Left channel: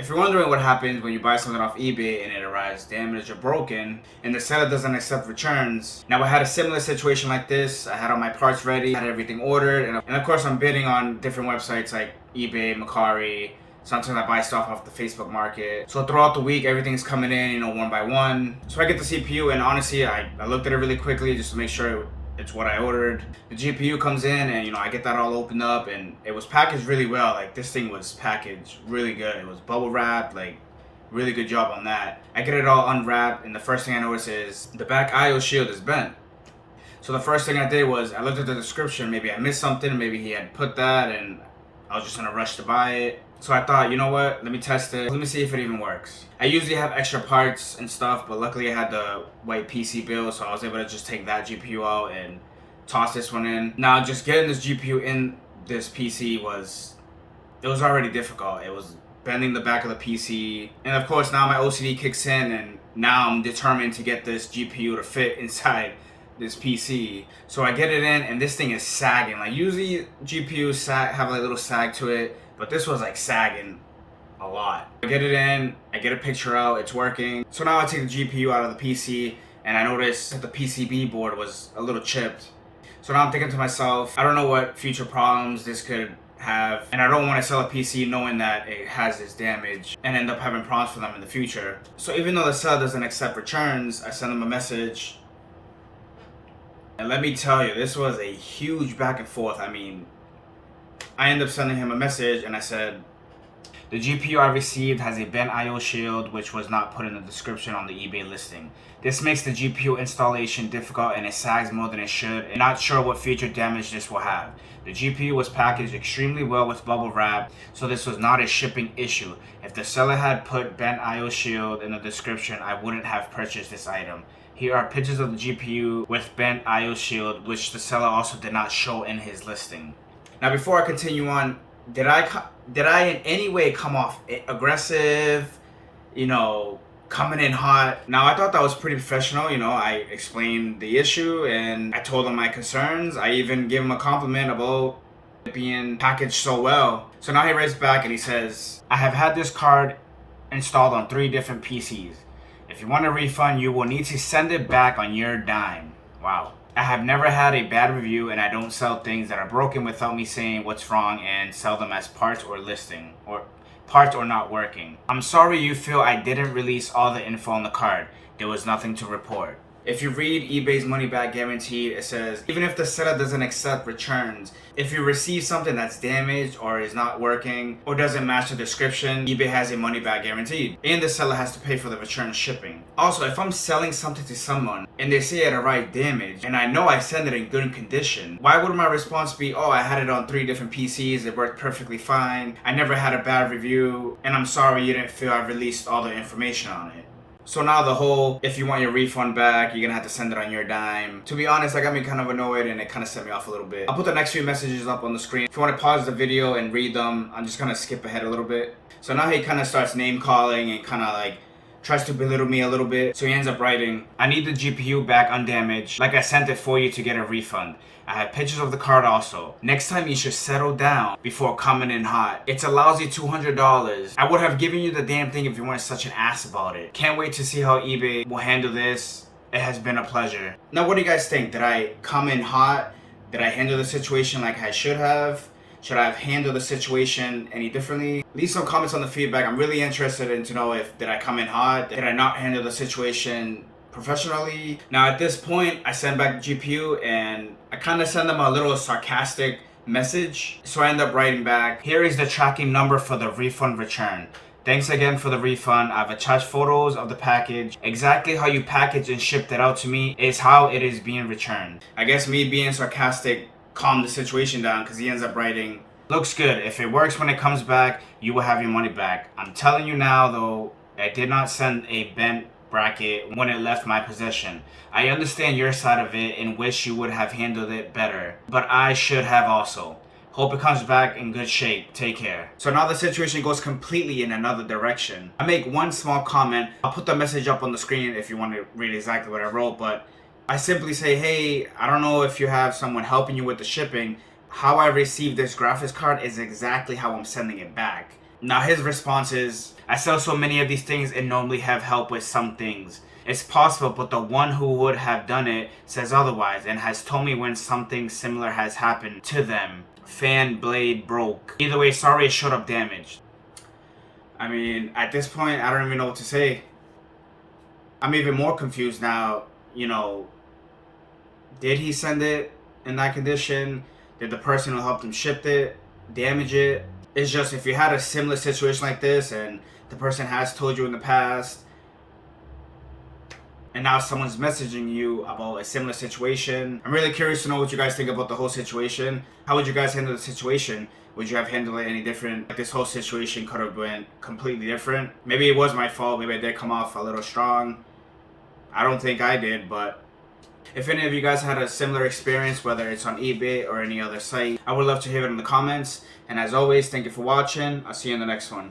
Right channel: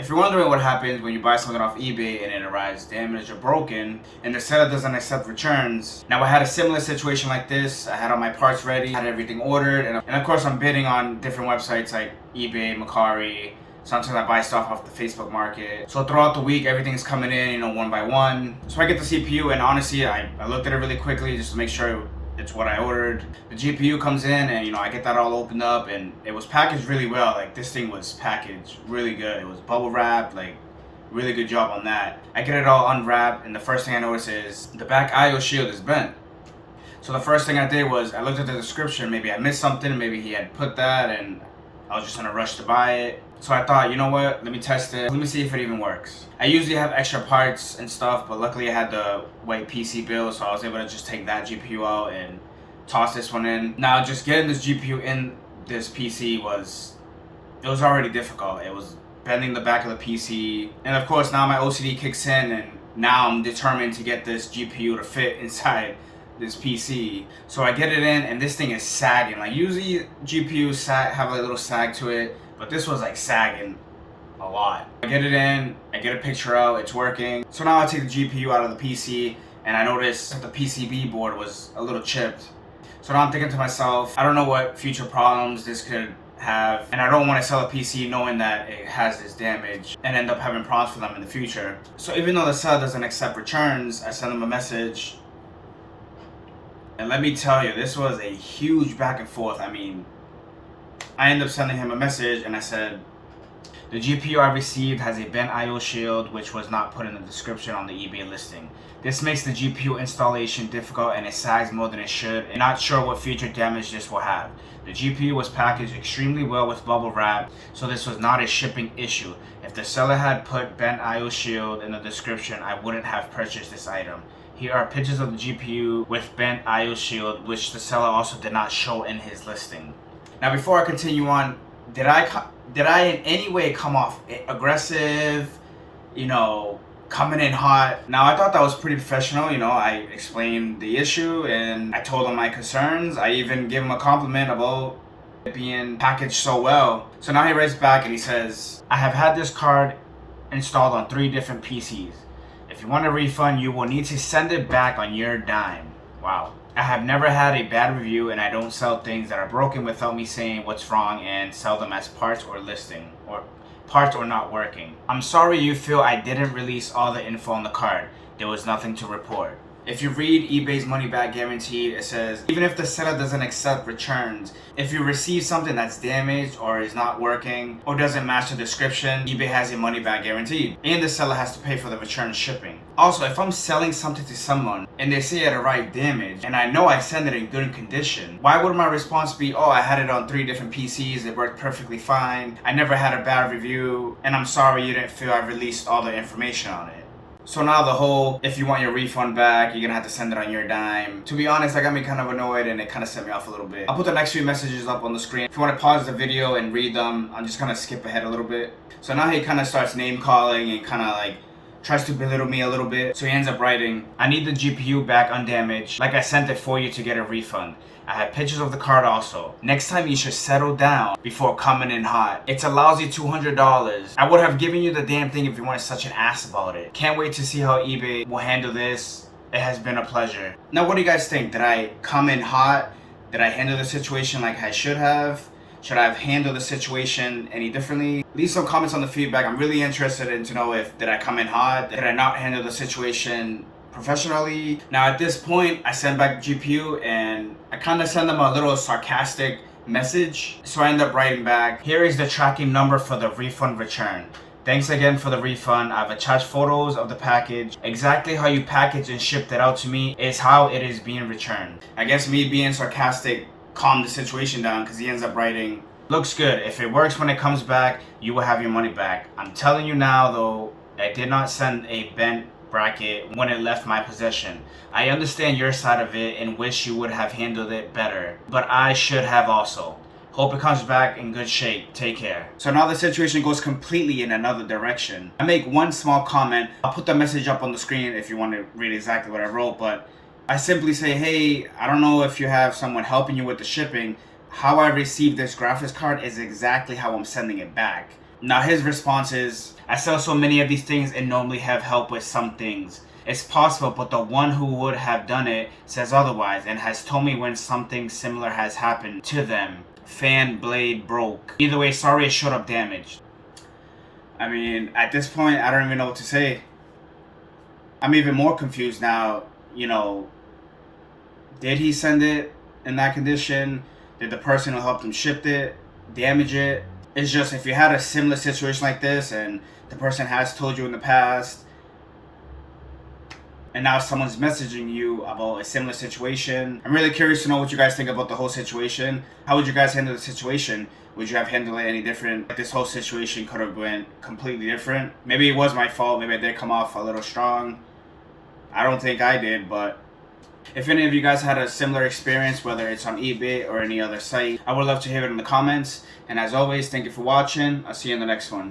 If you're wondering what happens when you buy something off eBay and it arrives damaged or broken and the seller doesn't accept returns, now I had a similar situation like this. I had all my parts ready, had everything ordered, and of course I'm bidding on different websites like eBay, Macari. Sometimes I buy stuff off the Facebook market. So throughout the week, everything's coming in, one by one. So I get the CPU, and honestly, I looked at it really quickly just to make sure it's what I ordered. The GPU comes in, and I get that all opened up, and it was packaged really well. Like, this thing was packaged really good. It was bubble wrapped, like, really good job on that. I get it all unwrapped, and the first thing I notice is the back IO shield is bent. So the first thing I did was I looked at the description. Maybe I missed something. Maybe he had put that, and I was just in a rush to buy it. So I thought, you know what, let me test it. Let me see if it even works. I usually have extra parts and stuff, but luckily I had the white PC build, so I was able to just take that GPU out and toss this one in. Now, just getting this GPU in this PC was already difficult. It was bending the back of the PC. And of course, now my OCD kicks in, and now I'm determined to get this GPU to fit inside this PC. So I get it in, and this thing is sagging. Like, usually GPUs have a little sag to it, but this was like sagging a lot. I get it in, I get a picture out, it's working. So now I take the GPU out of the PC, and I noticed that the PCB board was a little chipped. So now I'm thinking to myself, I don't know what future problems this could have, and I don't want to sell a PC knowing that it has this damage and end up having problems for them in the future. So even though the seller doesn't accept returns, I send them a message. And let me tell you, this was a huge back and forth. I mean, I ended up sending him a message, and I said, the GPU I received has a bent IO shield, which was not put in the description on the eBay listing. This makes the GPU installation difficult, and it sags more than it should, and not sure what future damage this will have. The GPU was packaged extremely well with bubble wrap, so this was not a shipping issue. If the seller had put bent IO shield in the description, I wouldn't have purchased this item. Here are pictures of the GPU with bent IO shield, which the seller also did not show in his listing. Now, before I continue on, did I in any way come off aggressive, coming in hot? Now, I thought that was pretty professional. I explained the issue and I told him my concerns. I even gave him a compliment about it being packaged so well. So now he writes back and he says, I have had this card installed on 3 different PCs. If you want a refund, you will need to send it back on your dime. Wow. I have never had a bad review, and I don't sell things that are broken without me saying what's wrong and sell them as parts or listing, or parts or not working. I'm sorry you feel I didn't release all the info on the card. There was nothing to report. If you read eBay's money back guaranteed, it says, even if the seller doesn't accept returns, if you receive something that's damaged or is not working or doesn't match the description, eBay has a money back guaranteed, and the seller has to pay for the return shipping. Also, if I'm selling something to someone and they say it arrived damaged and I know I sent it in good condition, why would my response be, oh, I had it on 3 different PCs, it worked perfectly fine, I never had a bad review, and I'm sorry you didn't feel I released all the information on it. So now the whole, if you want your refund back, you're gonna have to send it on your dime. To be honest, that got me kind of annoyed, and it kind of set me off a little bit. I'll put the next few messages up on the screen. If you want to pause the video and read them, I'm just gonna skip ahead a little bit. So now he kind of starts name calling and kind of like tries to belittle me a little bit. So he ends up writing, I need the GPU back undamaged, like I sent it for you to get a refund. I have pictures of the card also. Next time you should settle down before coming in hot. It's a lousy $200. I would have given you the damn thing if you weren't such an ass about it. Can't wait to see how eBay will handle this. It has been a pleasure. Now, what do you guys think? Did I come in hot? Did I handle the situation like I should have? Should I have handled the situation any differently? Leave some comments on the feedback. I'm really interested in to know if did I come in hot? Did I not handle the situation professionally? Now at this point, I send back the GPU and I kind of send them a little sarcastic message. So I end up writing back, here is the tracking number for the refund return. Thanks again for the refund. I've attached photos of the package. Exactly how you packaged and shipped it out to me is how it is being returned. I guess me being sarcastic calmed the situation down because he ends up writing, looks good. If it works when it comes back, you will have your money back. I'm telling you now though, I did not send a bent bracket when it left my possession. I understand your side of it and wish you would have handled it better, but I should have also. Hope it comes back in good shape. Take care. So now the situation goes completely in another direction. I make one small comment. I'll put the message up on the screen if you want to read exactly what I wrote, but I simply say, hey, I don't know if you have someone helping you with the shipping. How I received this graphics card is exactly how I'm sending it back. Now his response is, I sell so many of these things and normally have help with some things. It's possible, but the one who would have done it says otherwise and has told me when something similar has happened to them. Fan blade broke. Either way, sorry it showed up damaged. I mean, at this point, I don't even know what to say. I'm even more confused now. You know, did he send it in that condition? Did the person who helped him ship it damage it? It's just, if you had a similar situation like this and the person has told you in the past, and now someone's messaging you about a similar situation. I'm really curious to know what you guys think about the whole situation. How would you guys handle the situation? Would you have handled it any different? Like, this whole situation could have been completely different. Maybe it was my fault. Maybe I did come off a little strong. I don't think I did, but if any of you guys had a similar experience, whether it's on eBay or any other site, I would love to hear it in the comments. And as always, thank you for watching. I'll see you in the next one.